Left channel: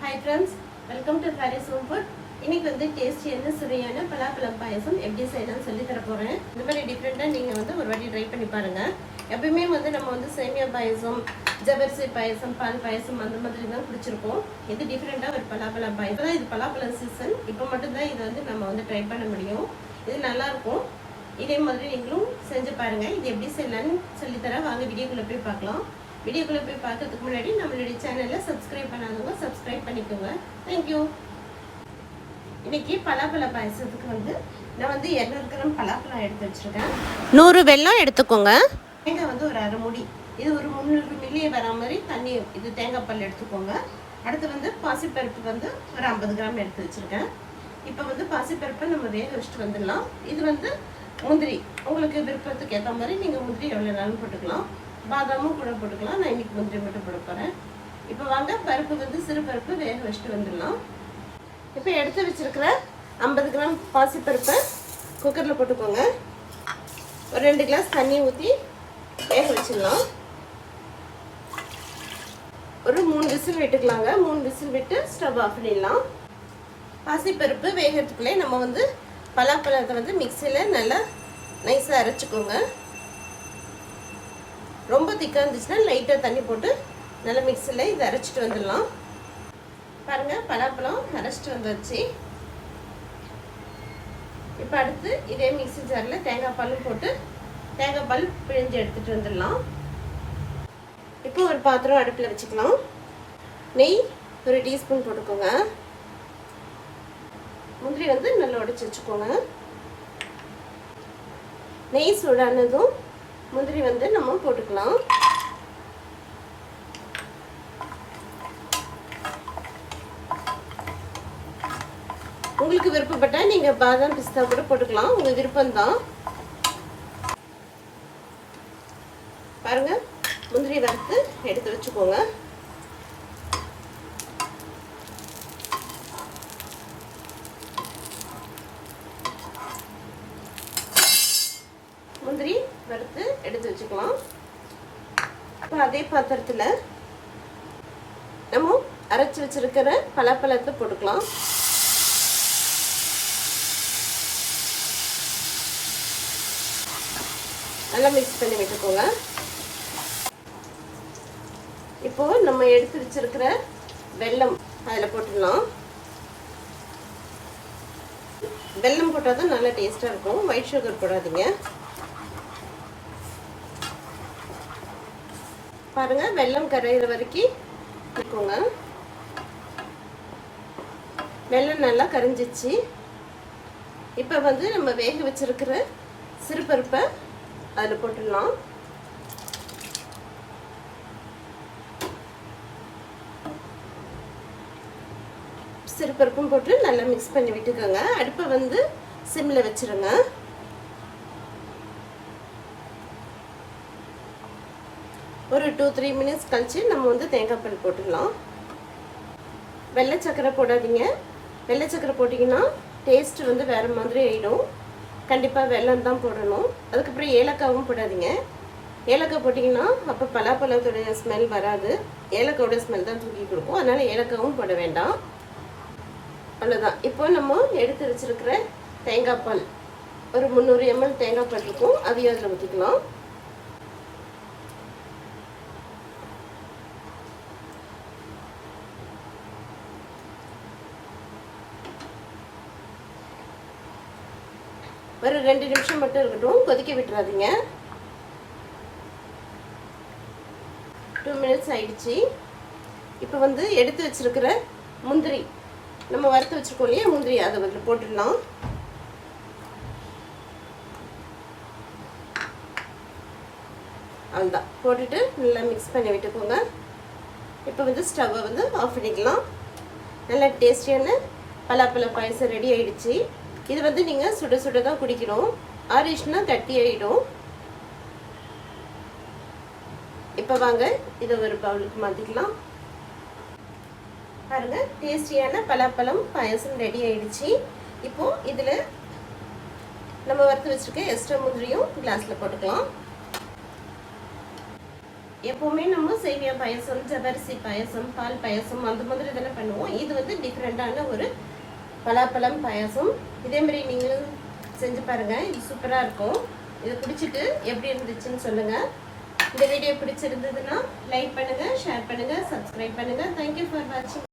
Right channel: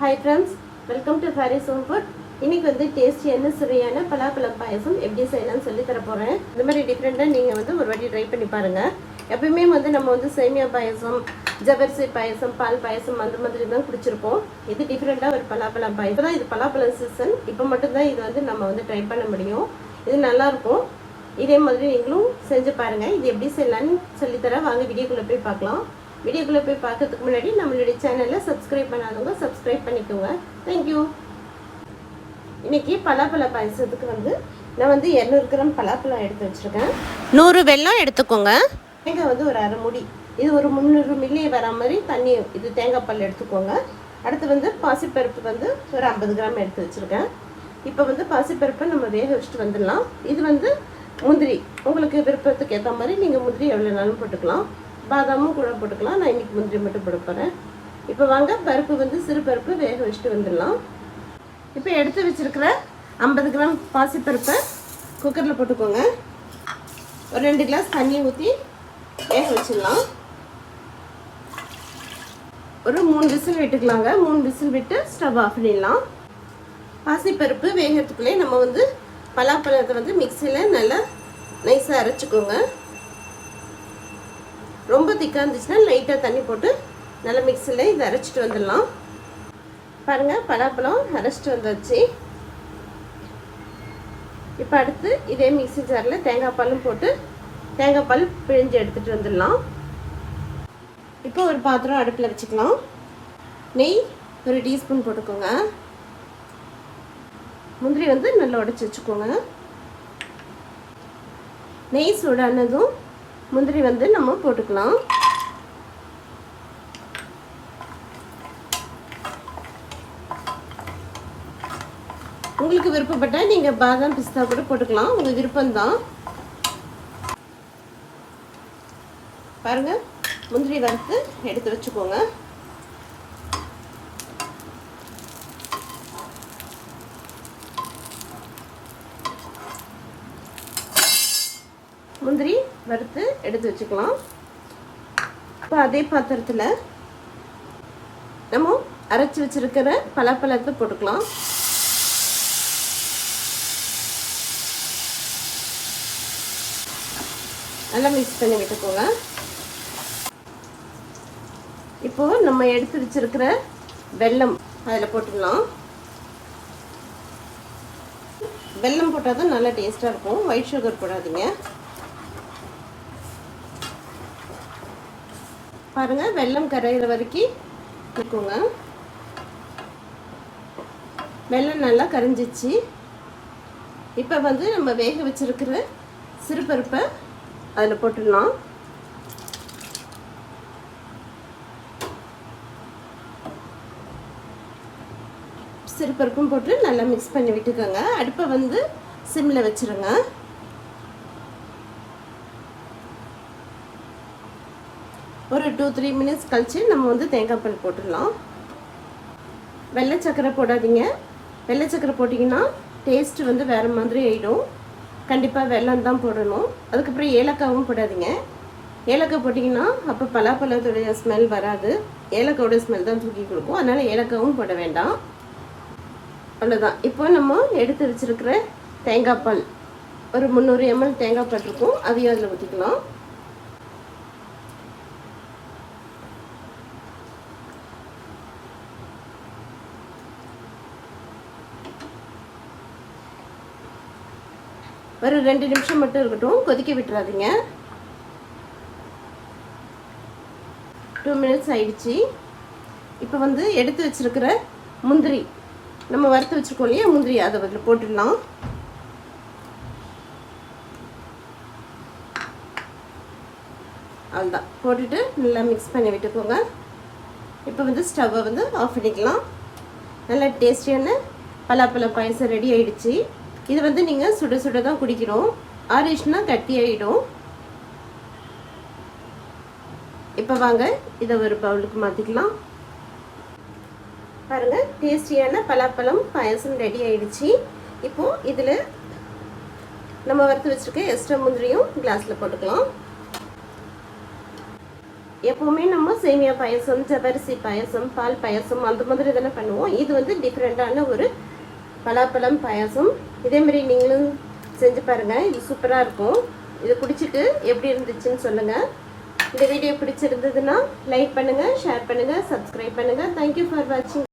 Hi friends welcome to Harris home food இன்னைக்கு வந்து டேஸ்டியான சுவையான பலாப்பழம் பாயசம் எப்படி செய்யலாம்னு சொல்லி தர போகிறேன் இந்த மாதிரி டிஃப்ரெண்ட்டாக நீங்கள் வந்து ஒரு வாட்டி ட்ரை பண்ணி பாருங்கள் எப்பயுமே வந்து நம்ம வந்து சேமியா பாயசம் ஜபர்சி பாயசம் பால் பாயசம் அந்த மாதிரி தான் குடிச்சிருப்போம். இது டிஃப்ரெண்ட்டாக ஒரு பலாப்பழம் பாயசம். இப்போ தான் இது பலாப்பழம் சீசன் இப்போ மட்டும்தான் இது வந்து நம்ம வந்து ட்ரை பண்ண முடியும். இது நல்லாயிருக்கும் இதே மாதிரி நீங்களும் செஞ்சு பாருங்கள் இது எப்படி செய்யலாம்னு சொல்லித்தர வாங்க வீடியோக்குள்ளே போய் பார்க்கலாம். வீடியோக்குள்ளே போய் பார்க்கறதுக்கு முன்னாடி நம்மளுடைய சேனலை சப்ஸ்கிரைப் பண்ணாதவங்க சப்ஸ்கிரைப் பண்ணிக்கோங்க. தேங்க்யூ இன்னைக்கு பலாப்பழ பாயசத்துக்கு வந்து நான் வந்து இரநூறு கிராம் பலாப்பழம் எடுத்து வச்சிருக்கேன். நூறு வெல்லம் எடுத்துக்கோங்க. தேங்காய் வந்து ஒரு அரை மூடி. இது ஒரு முந்நூறு மில்லி வர மாதிரி தண்ணி இது தேங்காய் பால் எடுத்துக்கோங்க. அடுத்து வந்து பாசிப்பருப்பு வந்து ஒரு ஐம்பது கிராம் எடுத்து வச்சிருக்கேன். இப்போ வந்து பாசிப்பருப்பை நம்ம வேக வச்சுட்டு வந்துடலாம். இது வந்து முந்திரி. உங்களுக்கு விருப்பத்துக்கு ஏற்ற மாதிரி நீங்கள் முந்திரி எவ்வளோ நாளும் போட்டுக்கலாம். பாதாமும் கூட போட்டுக்கலாம். நான் இன்னைக்கு முந்திரி மட்டும் போட போகிறேன் இப்போ வாங்க பருப்பு வந்து சிறு பருப்பு வேக வச்சுட்டு வந்துடலாம். இப்போ எடுத்து வச்சிருக்கிற ஐம்பது கிராம் பாசிப்பருப்பை குக்கரில் போட்டுக்கோங்க. ஒரு ரெண்டு கிளாஸ் தண்ணி ஊற்றி வேக வச்சிடலாம். ஒரு மூணு விசில் விட்டுக்கலாங்க. மூணு விசில் விட்டு ஸ்டவ் ஆஃப் பண்ணிடலாம். பாசிப்பருப்பு வேகிறதுக்குள்ளே நம்ம வந்து பலாப்பழத்தை வந்து மிக்சியில் நல்லா நைஸாக அரைச்சிக்கோங்க. ரொம்ப திக்காக இருந்துச்சுன்னா லைட்டாக தண்ணி போட்டு நல்லா மிக்சியில் இதை அரைச்சிட்டு வந்துடலாம். பாருங்கள் பலாப்பழம் அரைச்சிட்டு வந்தாச்சு. இப்போ அடுத்து இதே மிக்சி ஜாரில் தேங்காய் பாலும் போட்டு தேங்காய் பால் பிழிஞ்சு எடுத்துகிட்டு வந்துடலாம். இப்போ ஒரு பாத்திரம் அடுப்பில் வச்சுக்கலாம். நெய் ஒரு டீஸ்பூன் போட்டுக்கோங்க. முந்திரி வந்து நல்லா உடச்சி வச்சுக்கோங்க. நெய் சூடானதும் முந்திரி வந்து நம்ம போட்டுக்கலாம். உங்களுக்கு விருப்பப்பட்ட நீங்க பாதாம் பிஸ்தா கூட போட்டுக்கலாம். உங்கள் விருப்பம்தான். பாருங்க முந்திரி வறுத்து எடுத்து வச்சுக்கோங்க முந்திரி வறுத்து எடுத்து வச்சுக்கலாம். இப்போ அதே பாத்திரத்தில் நம்ம அரைச்சி வச்சிருக்கிற பலாப்பழத்தை போட்டுக்கலாம். நல்லா மிக்ஸ் பண்ணி விட்டுக்கோங்க. இப்போ நம்ம எடுத்து வச்சிருக்கிற வெல்லம் அதில் போட்டுக்கலாம். வெல்லம் போட்டால் தான் நல்லா டேஸ்ட்டாக இருக்கும். ஒயிட் சுகர் போடாதீங்க. பாருங்க வெள்ளம் கரையிற வரைக்கும் இருக்குங்க. வெள்ளம் நல்லா கரைஞ்சிச்சு. இப்போ வந்து நம்ம வேக வச்சிருக்கிற சிறுபருப்பை அதில் போட்டுடலாம். சிறுபருப்பும் போட்டு நல்லா மிக்ஸ் பண்ணி விட்டுக்கோங்க. அடுப்பை வந்து சிம்மில் வச்சிருங்க. ஒரு டூ த்ரீ மினிட்ஸ் கழித்து நம்ம வந்து தேங்காய் பால் போட்டுடலாம் வெள்ளை சக்கரை போடாதீங்க. வெள்ளை சக்கரை போட்டிங்கன்னா டேஸ்ட் வந்து வேறு மாதிரி ஆகிடும் கண்டிப்பாக வெல்லம் தான் போடணும். அதுக்கப்புறம் ஏலக்காவும் போடாதீங்க. ஏலக்காய் போட்டிங்கன்னா அப்போ பலாப்பழத்துடைய ஸ்மெல் வராது. ஏலக்காவோட ஸ்மெல் தான் தூக்கி கொடுக்கும். அதனால் ஏலக்காவும் போட வேண்டாம். அவ்வளோதான் இப்போ நம்ம எடுத்து வச்சுருக்கிற தேங்காய் பால். ஒரு முந்நூறு எம்எல் தேங்காய் பால் இருக்கும். அதையும் அதில் ஊற்றிக்கலாம் ஒரு ரெண்டு நிமிஷம் மட்டும் இருக்கட்டும். கொதிக்க விட்டுறாதீங்க. டூ மினிட்ஸ் ஆயிடுச்சு. இப்போ வந்து எடுத்து வச்சிருக்கிற முந்திரி. நம்ம வறுத்து வச்சிருக்கோம் இல்லையா? முந்திரி அதை வந்து போட்டுடலாம். அவ்வளோதான் போட்டுட்டு நல்லா மிக்ஸ் பண்ணி விட்டுக்கோங்க. இப்போ வந்து ஸ்டவ்வை வந்து ஆஃப் பண்ணிக்கலாம். நல்லா டேஸ்டியான பலாப்பழ பாயசம் ரெடி ஆயிடுச்சு. இது வந்து நீங்கள் சுட சுட தான் குடிக்கணும். ஆரிஷ்னா கட்டி ஆகிடும் இப்போ வாங்க இதை ஒரு பவுலுக்கு மாற்றிக்கலாம் பாருங்க டேஸ்டியான பலாப்பழம் பாயசம் ரெடி ஆயிடுச்சு. இப்போ இதில் நம்ம வறுத்து வச்சிருக்க எக்ஸ்ட்ரா முந்திரியும் கிளாஸில் போட்டுக்கலாம். எப்பவுமே நம்ம சேமியா பாயசம் ஜவரிசி பாயசம் பால் பாயசம் அந்த மாதிரி தானே பண்ணுவோம். இது வந்து டிஃப்ரெண்டான ஒரு பலாப்பழம் பாயாசம். இதே மாதிரி நீங்களும் செஞ்சு பாருங்கள் இது சூப்பராக இருக்கும். இது பிடிச்சிட்டு எப்படி இருந்துச்சுன்னு சொல்லுங்கள் இந்த வீடியோ பிடிச்சிருந்ததுன்னா லைக் பண்ணுங்கள் ஷேர் பண்ணுங்கள் சப்ஸ்கிரைப் பண்ணுங்க. தேங்க்யூ ஃபார் வாட்சிங்